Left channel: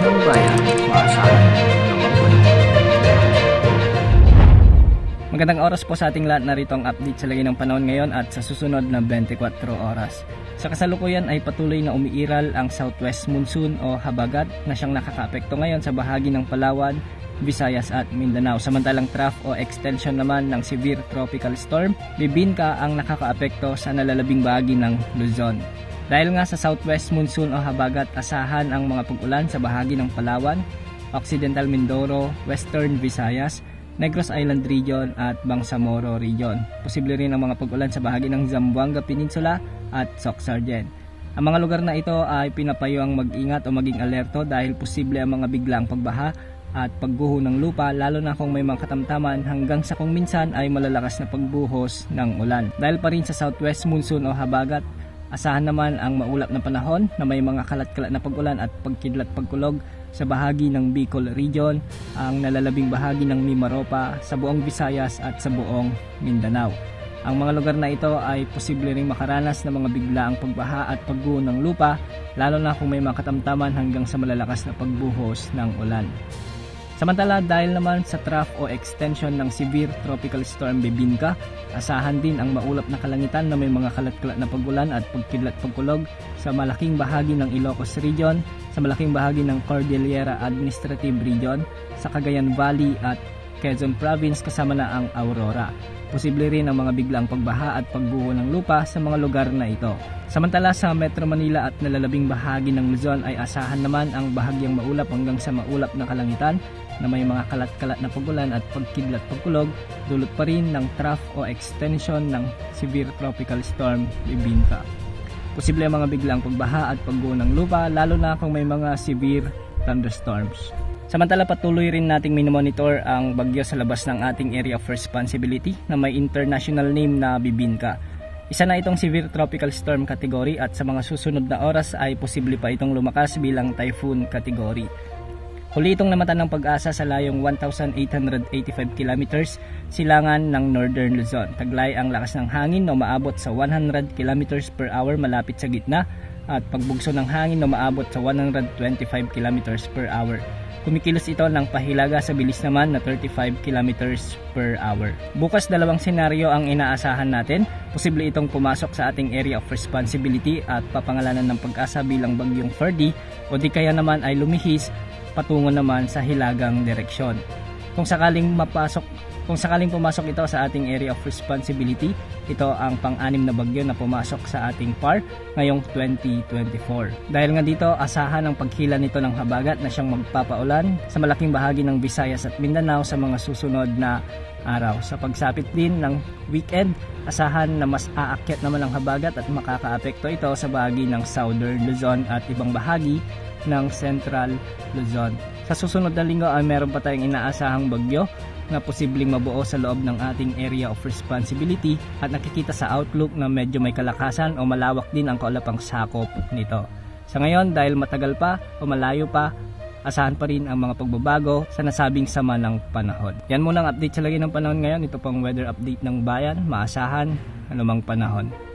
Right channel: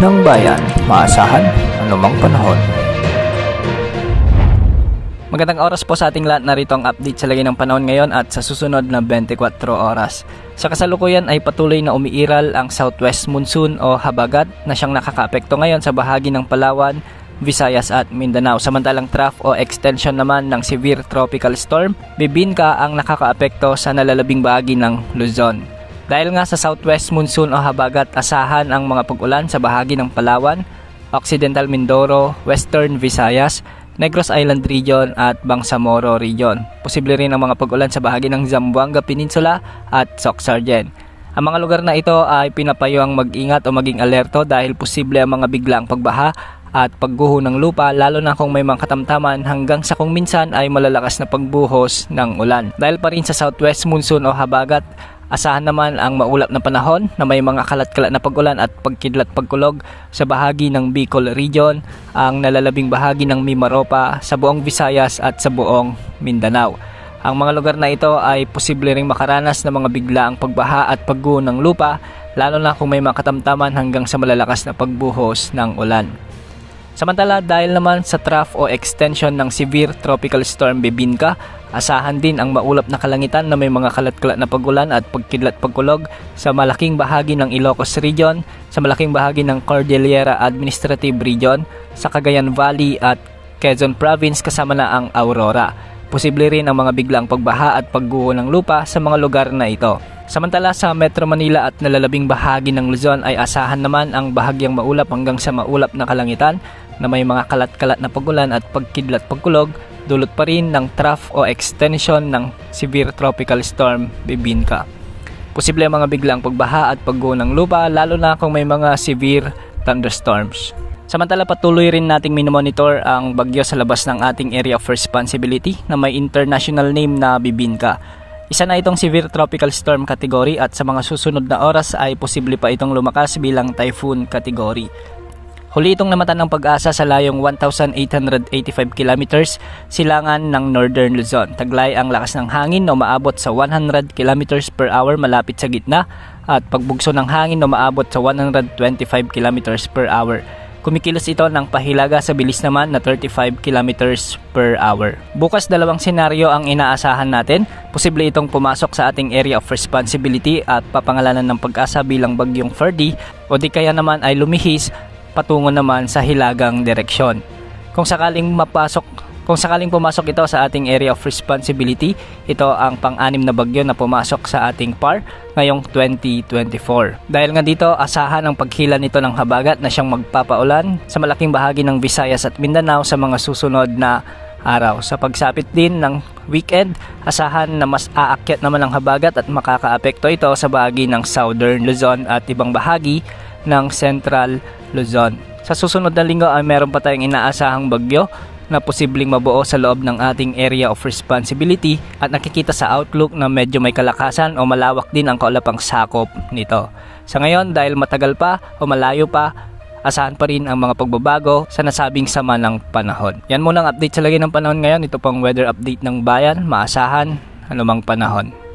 ng bayan, maasahan anumang panahon. Magandang oras po sa ating lahat, narito ang update sa lagay ng panahon ngayon at sa susunod na 24 oras. Sa kasalukuyan ay patuloy na umiiral ang southwest monsoon o habagat na siyang nakakaapekto ngayon sa bahagi ng Palawan, Visayas at Mindanao. Samantalang trough o extension naman ng severe tropical storm, Bibingka ang nakakaapekto sa nalalabing bahagi ng Luzon. Dahil nga sa southwest monsoon o habagat, asahan ang mga pag-ulan sa bahagi ng Palawan, Occidental Mindoro, Western Visayas, Negros Island Region at Bangsamoro Region. Posible rin ang mga pag-ulan sa bahagi ng Zamboanga Peninsula at Soxargen. Ang mga lugar na ito ay pinapayuang mag-ingat o maging alerto dahil posible ang mga biglaang pagbaha at pagguho ng lupa, lalo na kung may mga katamtaman hanggang sa kung minsan ay malalakas na pagbuhos ng ulan. Dahil pa rin sa southwest monsoon o habagat, asahan naman ang maulap na panahon na may mga kalat-kalat na pag-ulan at pagkidlat pagkulog sa bahagi ng Bicol Region, ang nalalabing bahagi ng Mimaropa, sa buong Visayas at sa buong Mindanao. Ang mga lugar na ito ay posible ring makaranas ng mga biglaang pagbaha at pagguho ng lupa, lalo na kung may mga katamtaman hanggang sa malalakas na pagbuhos ng ulan. Samantala, dahil naman sa trough o extension ng severe tropical storm Bibingka, asahan din ang maulap na kalangitan na may mga kalat-kalat na pag-ulan at pagkidlat pagkulog sa malaking bahagi ng Ilocos Region, sa malaking bahagi ng Cordillera Administrative Region, sa Cagayan Valley at Quezon Province kasama na ang Aurora. Posible rin ang mga biglaang pagbaha at pagguho ng lupa sa mga lugar na ito. Samantala sa Metro Manila at nalalabing bahagi ng Luzon ay asahan naman ang bahagyang maulap hanggang sa maulap na kalangitan na may mga kalat-kalat na pag-ulan at pagkidlat pagkulog, dulot pa rin ng trough o extension ng severe tropical storm Bibingka. Posible ang mga biglaang pagbaha at pagguho ng lupa, lalo na kung may mga severe thunderstorms. Samantala, patuloy rin nating minomonitor ang bagyo sa labas ng ating area of responsibility na may international name na Bibingka. Isa na itong severe tropical storm category at sa mga susunod na oras ay posible pa itong lumakas bilang typhoon category. Huli itong namatan ng Pag-asa sa layong 1,885 kilometers silangan ng Northern Luzon. Taglay ang lakas ng hangin na umaabot sa 100 kilometers per hour malapit sa gitna at pagbugso ng hangin na umaabot sa 125 kilometers per hour. Kumikilos ito ng pahilaga sa bilis naman na 35 kilometers per hour. Bukas dalawang senaryo ang inaasahan natin. Posible itong pumasok sa ating area of responsibility at papangalanan ng Pag-asa bilang bagyong Ferdy, o di kaya naman ay lumihis patungo naman sa hilagang direksyon. Kung sakaling pumasok ito sa ating area of responsibility, ito ang pang-anim na bagyo na pumasok sa ating PAR ngayong 2024. Dahil nga dito, asahan ang paghila nito ng habagat na siyang magpapaulan sa malaking bahagi ng Visayas at Mindanao sa mga susunod na araw. Sa pagsapit din ng weekend, asahan na mas aakyat naman ang habagat at makakaapekto ito sa bahagi ng Southern Luzon at ibang bahagi ng Central Luzon. Sa susunod na linggo ay meron pa tayong inaasahang bagyo na posibleng mabuo sa loob ng ating area of responsibility at nakikita sa outlook na medyo may kalakasan o malawak din ang kaulapang sakop nito. Sa ngayon, dahil matagal pa o malayo pa, asahan pa rin ang mga pagbabago sa nasabing sama ng panahon. Yan muna ang update sa lagay ng panahon ngayon. Ito pang weather update ng bayan, maasahan anumang panahon.